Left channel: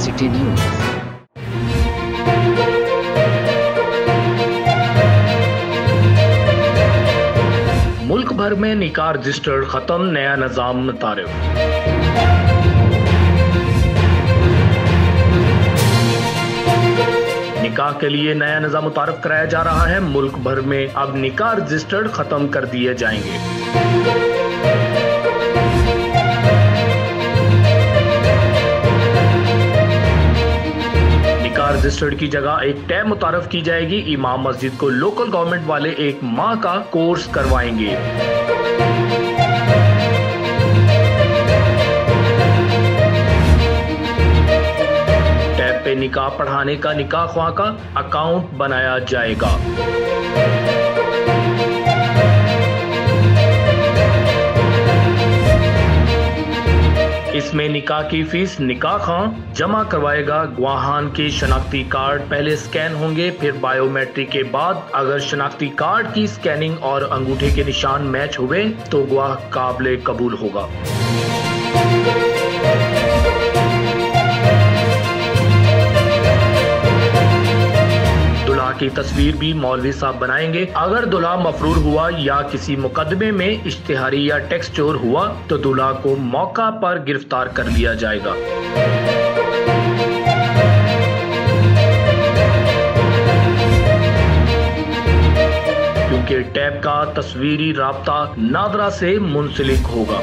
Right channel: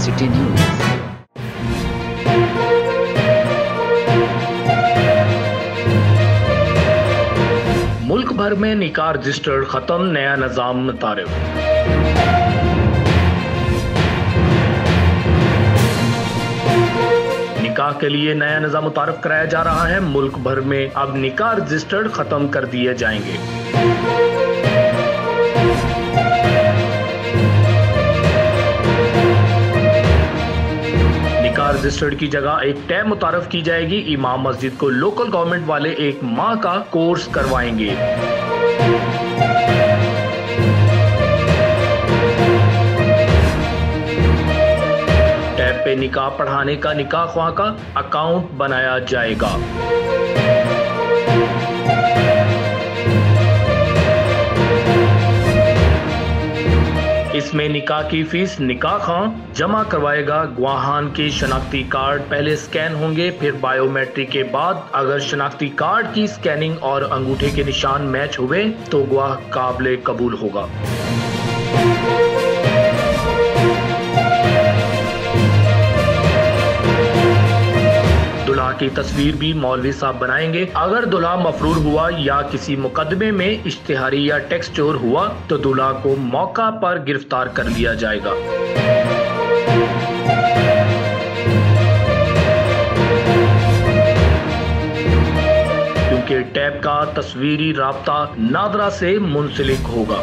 City news. मुल्क भर में निकाह रजिस्टर्ड खत्म, नया निजाम मुतारिफ। निकाह के लिए नया निजाम मुतारिफ कराया जा रहा है। मुल्क भर में अब निकाह रजिस्टर्ड खत्म कर दिए जाएंगे। निकाह रजिस्टर्ड की जगह एक टैब मुतारफ की जाएगी। इमाम मस्जिद को लोकल गवर्नमेंट वाले 1 माह का कोर्स करवाएंगे। टैब पे निकाह पढ़ाने का निकाह ख्वाह का अकाउंट बनाया जाएगा। इसमें निकाह की फीस निकाह खां जमा करवाएगा। गवाहान के शनाख्ती कार्ड पहले स्कैन होंगे, फिर बायोमेट्रिक के बाद अगर शनाख्ती कार्ड की स्कैनिंग और अंगूठे के निशान मैच हुए तो गवाह काबिल कबूल होगा। दुल्हा की तस्वीर भी मौलवी साहब बनाएंगे। अगर दुल्हा मफरूर हुआ या किसी मुकदमे में इश्तिहारी या टैक्स चोर हुआ तो दुल्हा को मौका पर गिरफ्तार कर लिया जाएगा। क्योंकि टैब का तस्वीरी राब्ता नादरा से मुंसलिक होगा।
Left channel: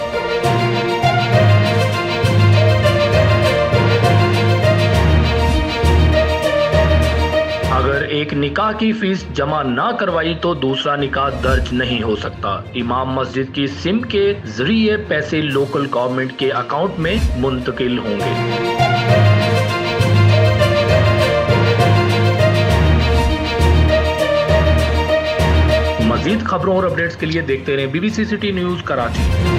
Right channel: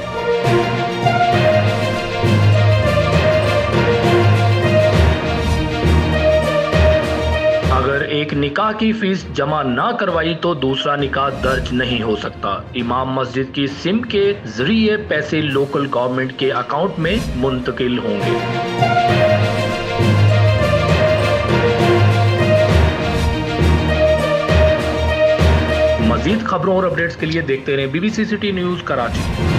अगर एक निकाह की फीस जमा ना करवाई तो दूसरा निकाह दर्ज नहीं हो सकता। इमाम मस्जिद की सिम के जरिए पैसे लोकल गवर्नमेंट के अकाउंट में मुंतकिल होंगे। मजीद खबरों और अपडेट्स के लिए देखते रहें BBC सिटी न्यूज कराची।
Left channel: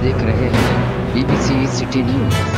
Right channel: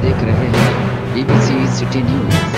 देख रहे हैं BBC सिटी न्यूज।